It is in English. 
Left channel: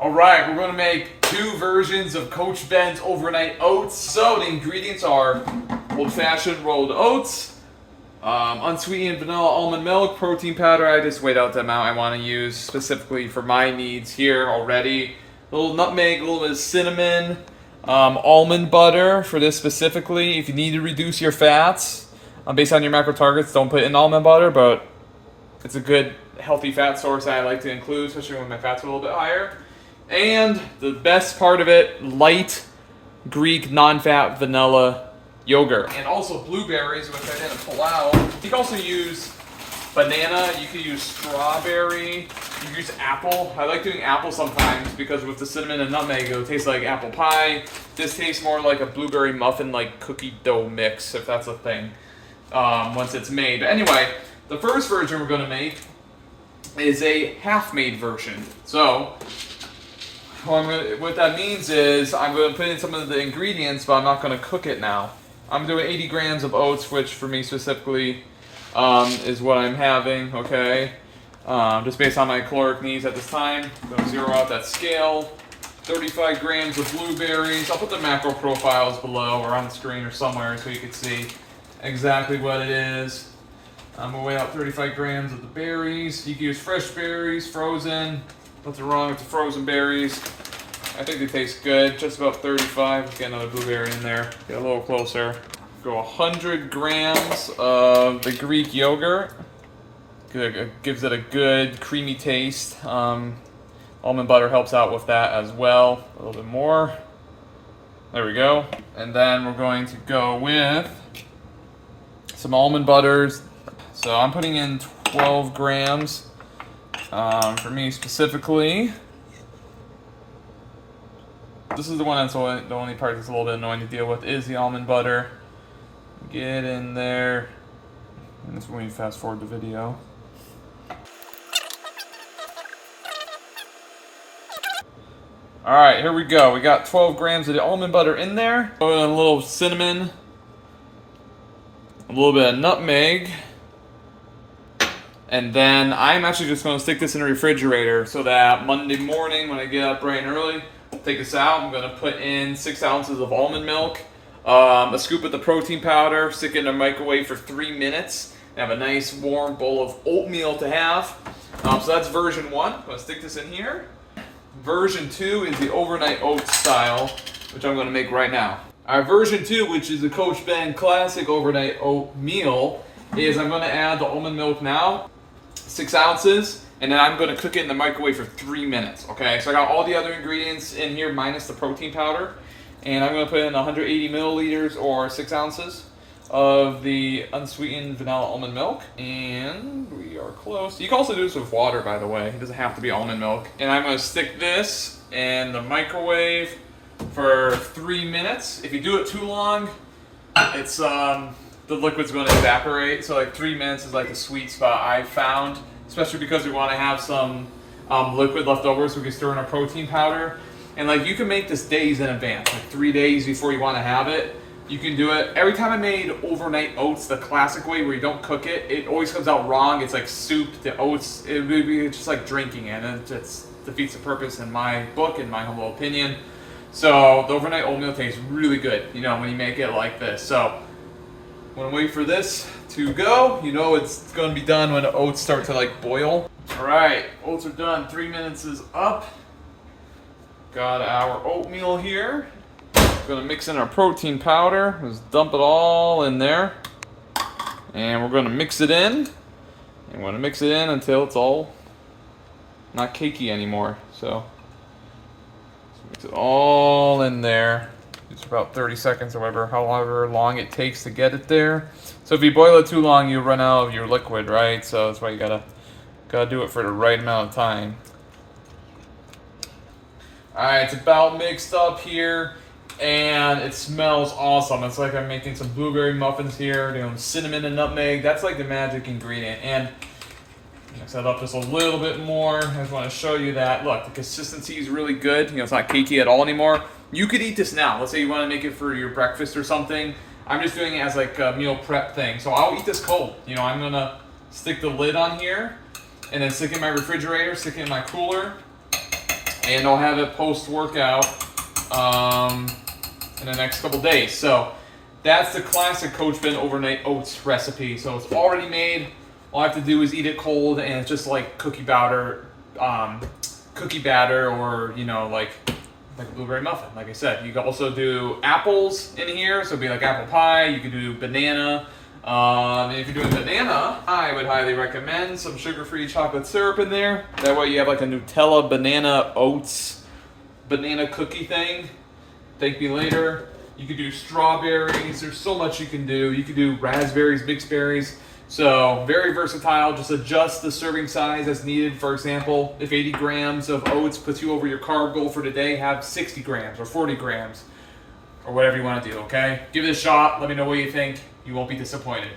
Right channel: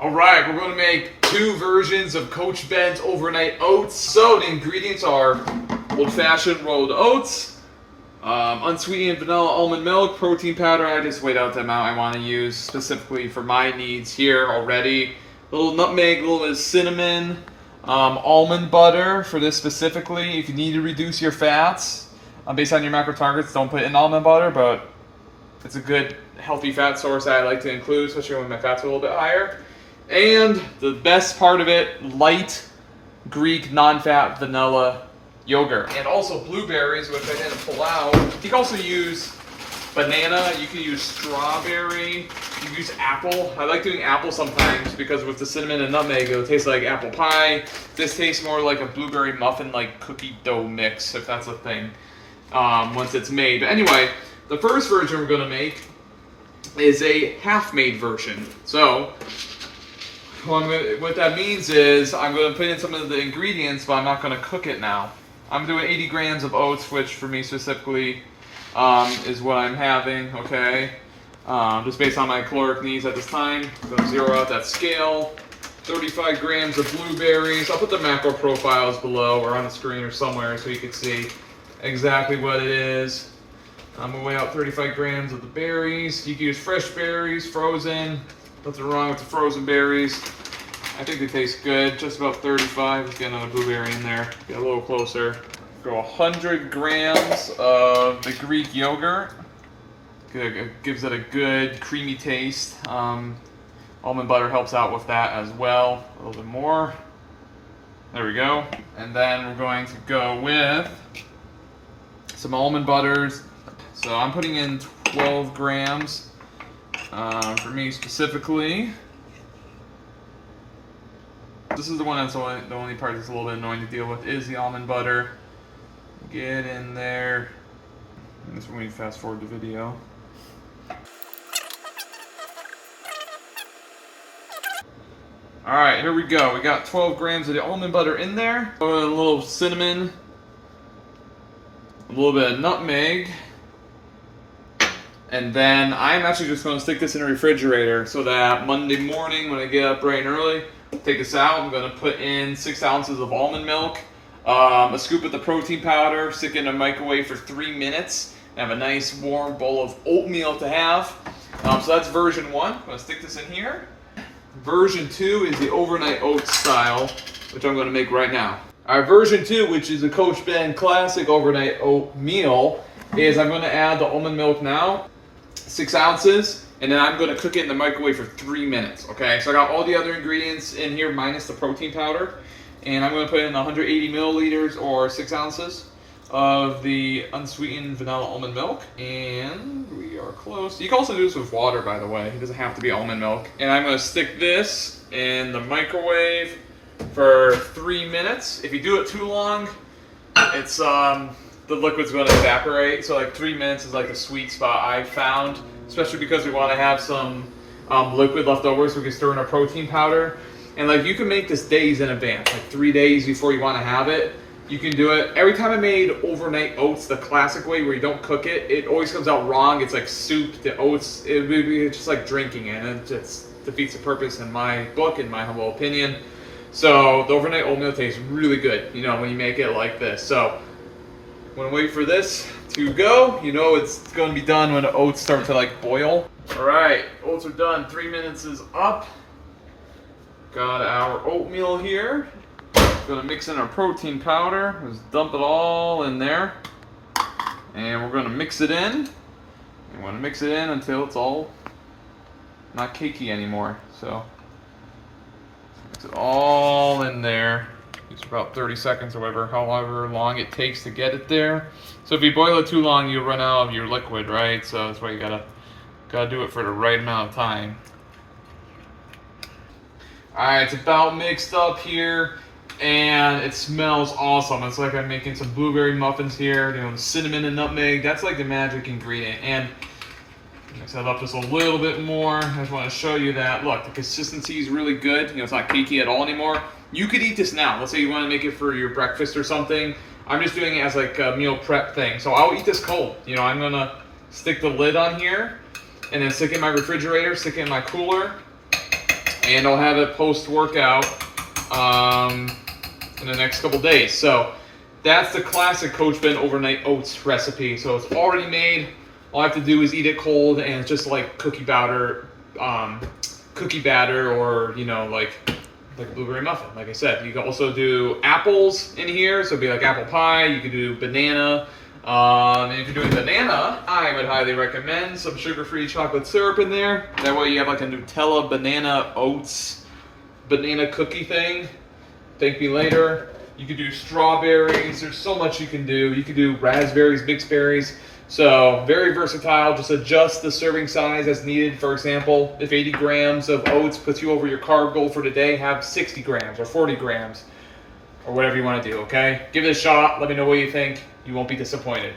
All right, we're going to make 2 versions of Coach Ben's overnight oats. So the ingredients are old-fashioned rolled oats, unsweetened vanilla almond milk, protein powder. I just weighed out the amount I want to use specifically for my needs here already. A little nutmeg, a little bit of cinnamon, almond butter for this specifically. If you need to reduce your fats based on your macro targets, don't put in almond butter, but it's a good healthy fat source that I like to include, especially when my fat's a little bit higher. And the best part of it, light Greek non-fat vanilla yogurt. And also blueberries, which I didn't pull out. You can also use banana, you can use strawberry, you can use apple. I like doing apple sometimes because with the cinnamon and nutmeg, it'll taste like apple pie. This tastes more like a blueberry muffin, like cookie dough mix, if that's a thing, once it's made. But anyway, the first version we're gonna make is a half-made version. So, what that means is I'm going to put in some of the ingredients, but I'm not going to cook it now. I'm doing 80 grams of oats, which for me specifically is what I'm having, okay? Just based on my caloric needs at this time. I'm going to zero out that scale. 35 grams of blueberries. I'll put the macro profiles below or on the screen or somewhere so you can see exactly what it is. I'm going to weigh out 35 grams of the berries. You can use fresh berries, frozen. Nothing wrong with the frozen berries. I think they taste good. Just about 35. Let's get another blueberry in there. Get a little closer. Go 100 grams of the Greek yogurt. It gives it a good creamy taste. Almond butter helps out with that as well. A little bit more. There we go. And then we're going to go with some almond butters. So I'm putting in 12 grams. For me specifically, this is the one that's the only part that's a little bit annoying to deal with is the almond butter. Get in there. And this when we fast forward the video. Alright, here we go. We got 12 grams of the almond butter in there. A little cinnamon. A little bit of nutmeg. And then I'm actually just going to stick this in the refrigerator so that Monday morning when I get up bright and early, take this out. I'm going to put in 6 ounces of almond milk, a scoop of the protein powder, stick it in the microwave for 3 minutes, and have a nice warm bowl of oatmeal to have. So that's version 1. I'm going to stick this in here. Version 2 is the overnight oats style, which I'm going to make right now. Our version 2, which is the Coach Ben Classic Overnight Oatmeal, is I'm going to add the almond milk now. 6 ounces, and then I'm going to cook it in the microwave for 3 minutes, okay? So I got all the other ingredients in here minus the protein powder, and I'm going to put in 180 milliliters or 6 ounces of the unsweetened vanilla almond milk, and we are close. You can also do this with water, by the way. It doesn't have to be almond milk. And I'm going to stick this in the microwave for 3 minutes. If you do it too long, it's the liquid's going to evaporate, so like 3 minutes is like the sweet spot I found, especially because we want to have some liquid left over so we can stir in our protein powder. And like you can make this days in advance, like 3 days before you want to have it. You can do it. Every time I made overnight oats the classic way where you don't cook it, it always comes out wrong. It's like soup to oats. It's just like drinking it, and it just defeats the purpose in my book, in my humble opinion. So the overnight oatmeal tastes really good, you know, when you make it like this. So I'm gonna wait for this to go. You know it's gonna be done when the oats start to like boil. Alright, oats are done. 3 minutes is up. Got our oatmeal here. Gonna mix in our protein powder. Just dump it all in there. And we're gonna mix it in. And we're gonna mix it in until it's all not cakey anymore. So mix it all in there. It's about 30 seconds or however long it takes to get it there. So if you boil it too long, you run out of your liquid, right? So that's why you gotta do it for the right amount of time. Alright, it's about mixed up here, and it smells awesome. It's like I'm making some blueberry muffins here, you know, cinnamon and nutmeg. That's like the magic ingredient. And mix that up just a little bit more. I just want to show you that. Look, the consistency is really good. You know, it's not cakey at all anymore. You could eat this now. Let's say you want to make it for your breakfast or something. I'm just doing it as like a meal prep thing. So I'll eat this cold. You know, I'm going to stick the lid on here and then stick it in my refrigerator, stick it in my cooler. and I'll have it post-workout in the next couple days. So that's the classic Coach Ben overnight oats recipe. So it's already made. All I have to do is eat it cold, and it's just like cookie batter, or like a blueberry muffin. Like I said, you can also do apples in here, so it'd be like apple pie. You could do banana. And if you're doing banana, I would highly recommend some sugar-free chocolate syrup in there. That way you have like a Nutella banana oats banana cookie thing. Thank me later. You could do strawberries. There's so much you can do. You could do raspberries, mixed berries. So very versatile. Just adjust the serving size as needed. For example, if 80 grams of oats puts you over your carb goal for today, have 60 grams or 40 grams or whatever you want to do, okay? Give it a shot. Let me know what you think. You won't be disappointed.